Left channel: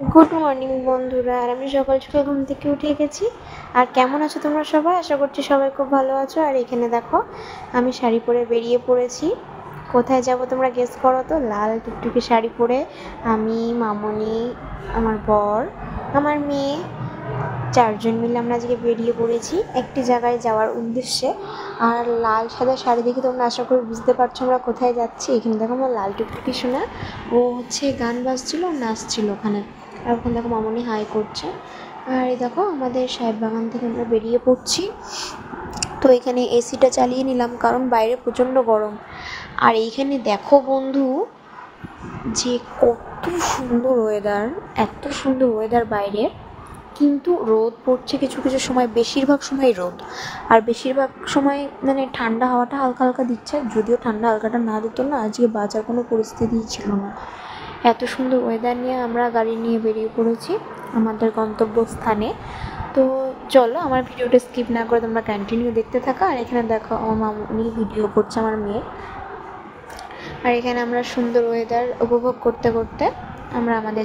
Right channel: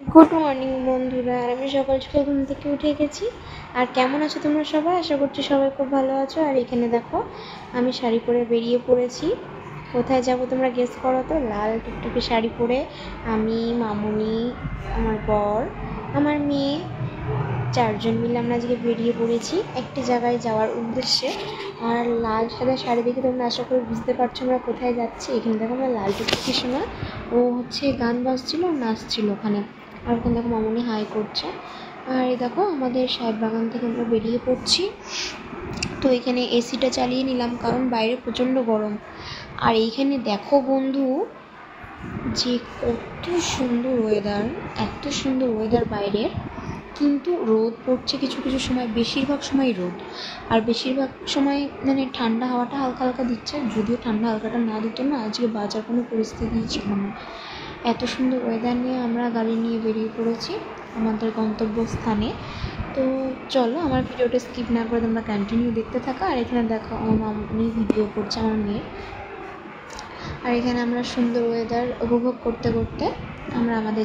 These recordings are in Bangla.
গুড মর্নিং বন্ধুরা। আর আমি সকাল সকাল ঘুম থেকে উঠে গেছি। আর কেমন আছো তোমরা সবাই? আশা করছি সবাই খুব ভালো আছো। আর এখানে দেখো আমি শাড়ি পরে বেরিয়ে পড়েছি। কোথায় যাব তোমরা গেস করো তো? লাল টুকটুকি শাড়ি পরে আমি, মামনি, আমার বর, আমার মেয়ে, চারজন মিলে আমরা আজকে বেরিয়ে পড়েছি একটি জায়গায় যাওয়ার উদ্দেশ্যে। আর লাল সাদা শাড়ি দেখে তোমরা আশা করি বুঝতে পারছো আমরা কোথায় যাচ্ছি। এখানে দেখো আমার লাল টুকটুকি শোনা, ও হচ্ছে গান বাজছিল, নাচছিল ওখানে। আর ওখানে দেখো মামনি হাই করছে। আর এই দেখো আমাদের সাহেব বাগান থেকে আমরা বেরিয়ে পড়ছি। তো এখানে এসিটা চালিয়ে নিলাম কারণ বাইরে প্রচণ্ড গরম। আর এইখানে দেখো বন্ধু যে কত সুন্দর ওয়েদার, এত সুন্দর ওয়েদার বাইরের, কিন্তু রোদ পড়ছে কিছু কিছু সময়, বেশিরভাগ সময় রোদ। আর বেশিরভাগ সময় মানে ঠান্ডা হাওয়াটা হালকা হালকা দিচ্ছে। যদিও ঠান্ডা হালকাটা না দিত না আজকে বাঁচার কোনো পরিস্থিতিই ছিল না। এত সুন্দর ওয়েদার নিয়ে আমরা গাড়ি নিয়ে বেরিয়ে পড়েছি আমাদের গন্তব্যস্থানে। তো চলো আমার ভিডিওটা স্কিপ না করে তোমরা কন্টিনিউ দেখতে থাকো। আর এখানে দেখো আমার মামনি ভিডিও করছে আমার মেয়ের। আর এখানে আমরা সুন্দর ওয়েদার উপভোগ করতে করতে আমরা আমাদের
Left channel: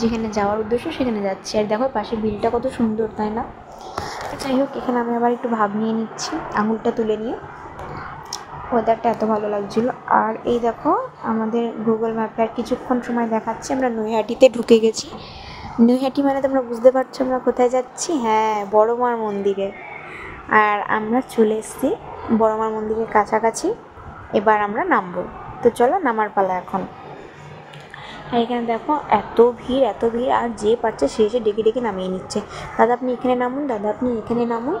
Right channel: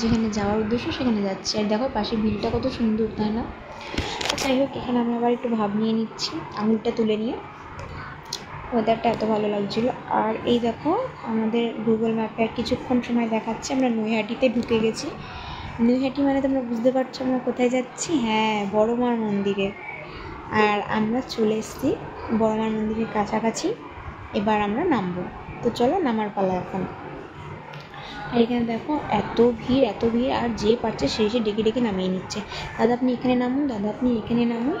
যেখানে যাওয়ার উদ্দেশ্য সেখানে যাচ্ছি। আর দেখো পাশে বিলটা কত সুন্দর, তাই না? যাই হোক, এখানে আমি আবার একটু ভাব নিয়ে নিচ্ছি আঙুলটা তুলে নিয়ে। ওয়েদারটা এত ভালো লাগছিলো। আর এই দেখো আমাদের গুগল ম্যাপে আর কিছুক্ষণ সময় দেখাচ্ছে আমরা নৈহাটিতে ঢুকে গেছি। নৈহাটি মানে তোমরা বুঝতে পারছো আমরা কোথায় যাচ্ছি। হ্যাঁ, বড় মার মন্দিরে। আর আমরা চলে এসেছি বড় মার মন্দিরের কাছাকাছি। এবার আমরা নামবো। তো চলো নামার পালা এখন। আর এখানে দেখো এত ভিড়, এত ভিড়, আর যে পারছে সে এসে ডেকে ডেকে নামিয়ে নিচ্ছে। দাদা আপনি এখানে নামুন, দাদা আপনি এখানে নামুন,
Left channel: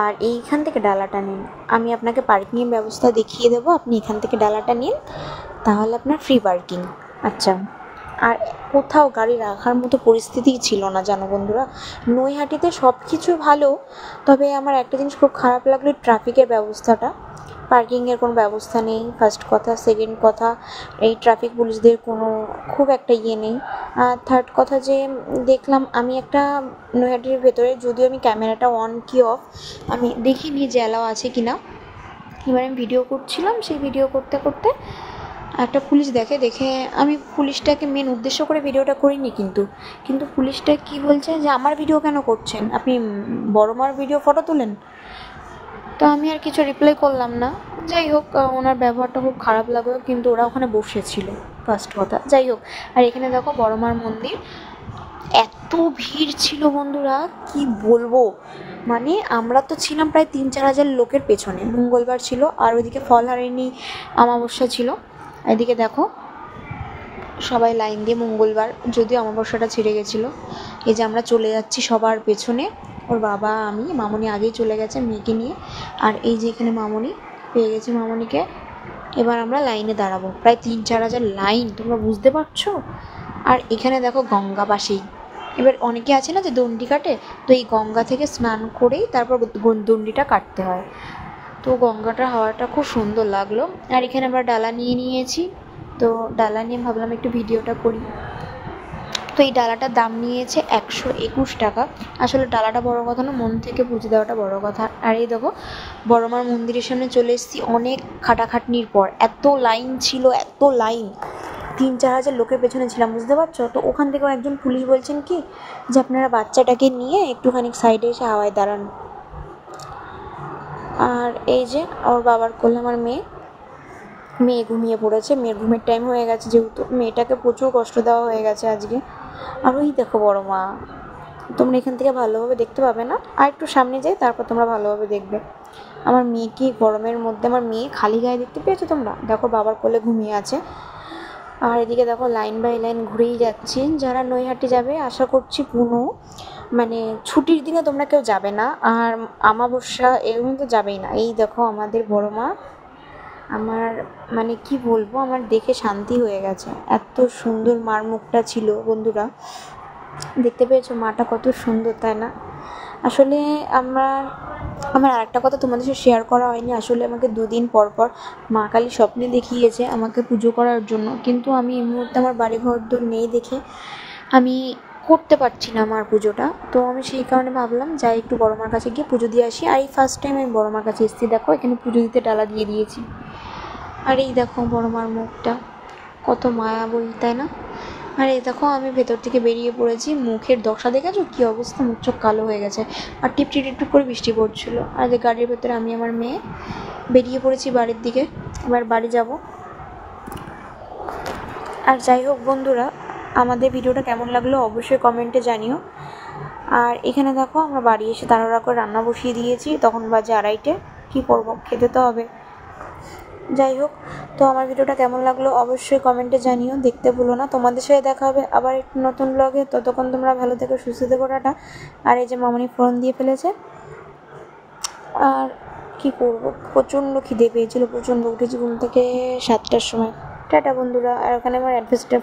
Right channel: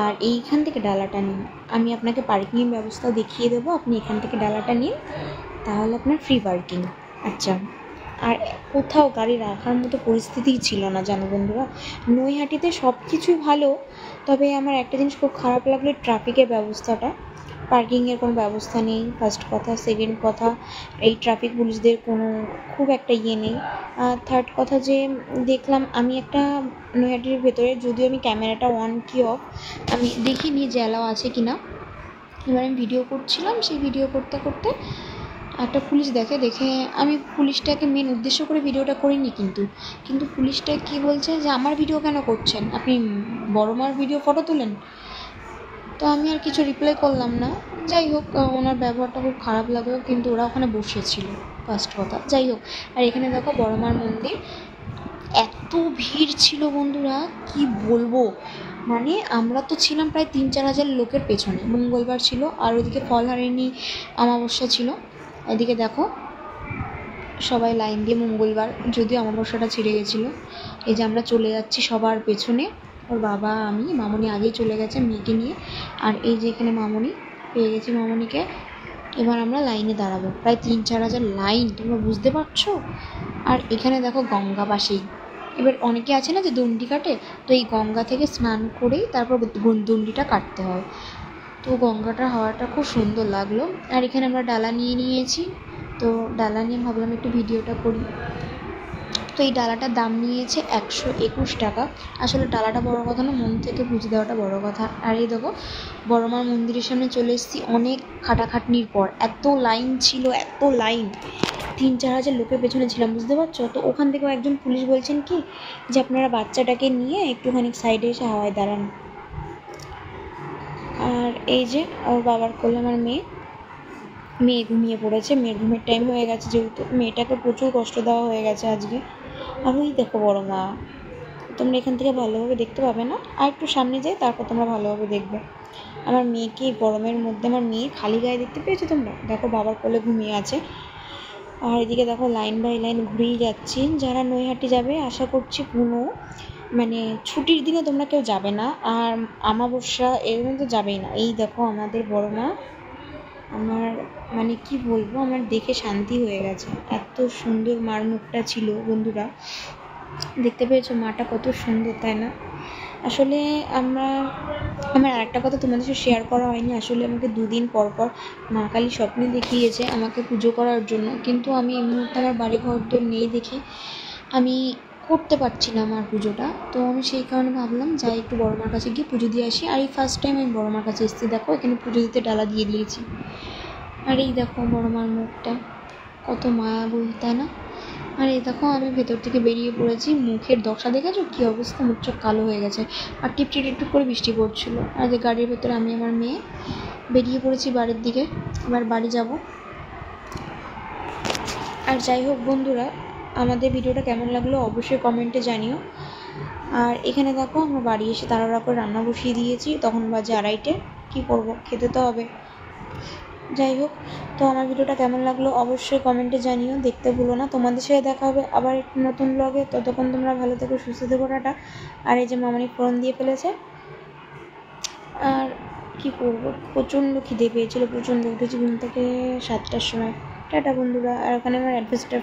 আর এইখান থেকে ডালাটা নিন। আমি আপনাকে পার্কিংয়ের ব্যবস্থা দেখিয়ে দেবো, আপনি এখান থেকে ডালাটা নিন, তাহলে আপনার ফ্রি পার্কিং। আচ্ছা। আর কোথাও গাড়ি রাখার মতো পরিস্থিতিই ছিল না জানো বন্ধুরা। নৈহাটিতে সব কিছু ভালো, তবে আমার একটা জিনিস খুব খারাপ লাগলো, ট্রাফিকের ব্যবস্থাটা। পার্কিংয়ের কোনো ব্যবস্থা নেই, ফার্স্ট কথা। সেকেন্ড কথা, এই ট্রাফিক পুলিশদের কোনো খুব একটা ইয়ে নেই। আর থার্ড কথা যে দেখলাম আমি একটা নৈহাটির ভেতরে, যদিও আমি ক্যামেরাটা অন কি অফ আমি দেখিনি যে অ্যালাও আছে কি না। এবার আমি ভিডিও করছিলাম, সেই ভিডিও করতে করতে একটা পুলিশ দেখে আমি পুলিশটাকে মেন উদ্দেশ্য করে ভিডিওটা করিনি, কিন্তু পুলিশটা কি বলছে যে আমার ভিডিও কেন করছেন, আপনি বড় মার ভিডিও ফটো তোলেন। তো আমি আর কিছু রিপ্লাই করলাম না। যাই হোক, ওনার ব্যবহারটা খুব খারাপ লাগলো, কিন্তু ওরা ওখানে বসেছিল ফার্স্ট কথা। যাই হোক, আর এখানে দেখো বড় মার মন্দির, এত ভিড় ছিল বন্ধুরা কি বলবো। মানে আমরা তো ছিলাম প্রায় 3-4 হাজার লোকের পেছনে। মঙ্গলবার ছিল, আর ওইদিকে ফলহারিণী অমাবস্যা ছিল। এদিকে দেখো সবাই লাইন দিয়ে, মঙ্গলবার যদিও অমাবস্যাটা ছিঁড়ে গেছিলো। এই যে আমরা চলে যাচ্ছি সবার পেছনে, ওর বাবা, আমি, মামনি আগেই চলে গেছে মেয়েকে নিয়ে। আর এই যে এখানে মামনি, পেয়ে গেছি মামনিকে। এবার আমরা লাইনে দাঁড়াবো, প্রায় 3-4 হাজার লাইন, তোমরা বুঝতে পারছো। আর এখানে দেখো গঙ্গা পাশেই। এবার অনেকে আছে না যে দণ্ডি কাটে, তো এই গঙ্গা থেকে স্নান করেই তারপর দণ্ডিটা কাটতে হয়। তো গঙ্গাটার হাওয়াটা খুব সুন্দর লাগলো। আর এখানে আমরা ডালা নিয়ে নিয়েছি, তো ডালা নিয়ে ভাবলাম একটু ভিডিওটা করি। তো এই ডালাটার দাম নিয়েছে 121 টাকা। আসলে ডালাটা বড় কথা না, মন থেকে পুজো দেওয়াটা বড় কথা। আর এই দেখো বড় মার মন্দিরের সামনে চলে এসেছি অনেক খাটাখাটনির পর। এত লাইন ছিল, এত লাইন, 3-4 হাজার লোকের পেছনে ছিলাম, বুঝতে পারছো। তো ওখান থেকেও একজন পুলিশ বলছেন কি যে আপনারা বাচ্চাটাকে নিয়ে একটুখানি সাইডে এসে হাওয়ায় দাঁড়ান। আর এই যে ওর বাবার কোলে আমার মেয়ে ঘুমিয়ে পড়েছে। মেয়ের ঘুমের টাইম হয়ে গেছে, যেহেতু মেয়েটাকে প্রচুর কষ্ট দেওয়া হয়ে গেছে আজকে। আর ওই দেখো বড় মা, তোমরা এখান থেকে ভালোভাবে দেখতে পাবে না, আর একটু সামনে যাই তারপর তোমরা ভালোভাবে দেখবে। আমার মেয়েকে গরমের মধ্যে, আমার মেয়ে খালি গায়ে দেখতে পেয়েছো তোমরা? দেখো বাবার কোলে ঘুমিয়ে আছে। আর এদিকে দেখো লাইন বাই লাইন ঘুরেই যাচ্ছি। যারা নৈহাটি যাবে আশা করছি কোনো মানে ছুটির দিনে তোমরা কেউ যাবে না, আর অমাবস্যা এর মধ্যে যাবেই না। এই দেখো আমাদের বড় মা, আমার মানে কি বলবো, আমার দেখে শান্তি হয়ে গেছে। এত সুন্দর মার মুখটা ছিল বন্ধুরা, দেখতে পেয়েছো মাটা কত সুন্দর, তাই না? আসলে আমার আরেকটা কথা তোমাদের সাথে শেয়ার করা হয়নি। আসলে আমাকে 2 দিন পর পর মা কালী স্বপ্নে দেখিয়েছে আমাকে পুজো করার জন্য, কিন্তু আমি এই মুহূর্তে আমার বাড়ি ঘর তো নেই দেখে আমি করতে পারছি না আমার পুজোটা। তো আমি সেই কারণে ভাবলাম যাই একটু বড় মার কাছে গিয়ে পুজো দিয়ে আসি। আর এই ফার্স্ট টাইম আমি বড় মার কাছে এসেছি। দেখো এখানে পুজো দিতে ডালা দিয়ে দিয়েছি। আর এই দেখো বড় মার মুখটা কত মায়া বই, তাই না? আর এই দেখো আমি ভেতর থেকে বেরিয়ে পড়েছি, মুখের দশা দেখেছো কী অবস্থা, মুখ চোখ কালো হয়ে গেছে। আর টিপটি টিপটিপ করে বৃষ্টি পড়ছিল। আর যে গাড়ির ভেতরে আমি আমার মেয়ে বেরিয়ে পড়েছি বাড়ির দিকে, এবার বাড়ি যাব। আর যাই হোক বন্ধুরা, আমাদের ভিডিওটা কেমন লাগলো অবশ্যই কমেন্টে জানিও। আর এখানে দেখো আমরা বাড়ি এসে তাড়াহুড়া করে রান্না বসিয়ে দিয়েছি, তখন বাজে 2:30। কী করবো, খেতে তো হবে। যাই হোক, তো আমার ভিডিওটা কেমন লাগলো অবশ্যই কমেন্টে জানিও, দেখতে ভুলো না। তোমাদের সাথে দেখা হবে আবার একটি নতুন ব্লগে, ততক্ষণ তোমরা ভালো থেকো, সুস্থ থেকো, টাটা। আর এই যে মামনি ফোন দিয়ে ফেলেছে। আর কি করবো, প্রচণ্ড খিদে পেয়েছিল, প্রচণ্ড। উঠেছি ঘুম থেকে 7টার সময়। টাটা বন্ধুরা। আর ওখানে আমার অ্যাডভেস্টার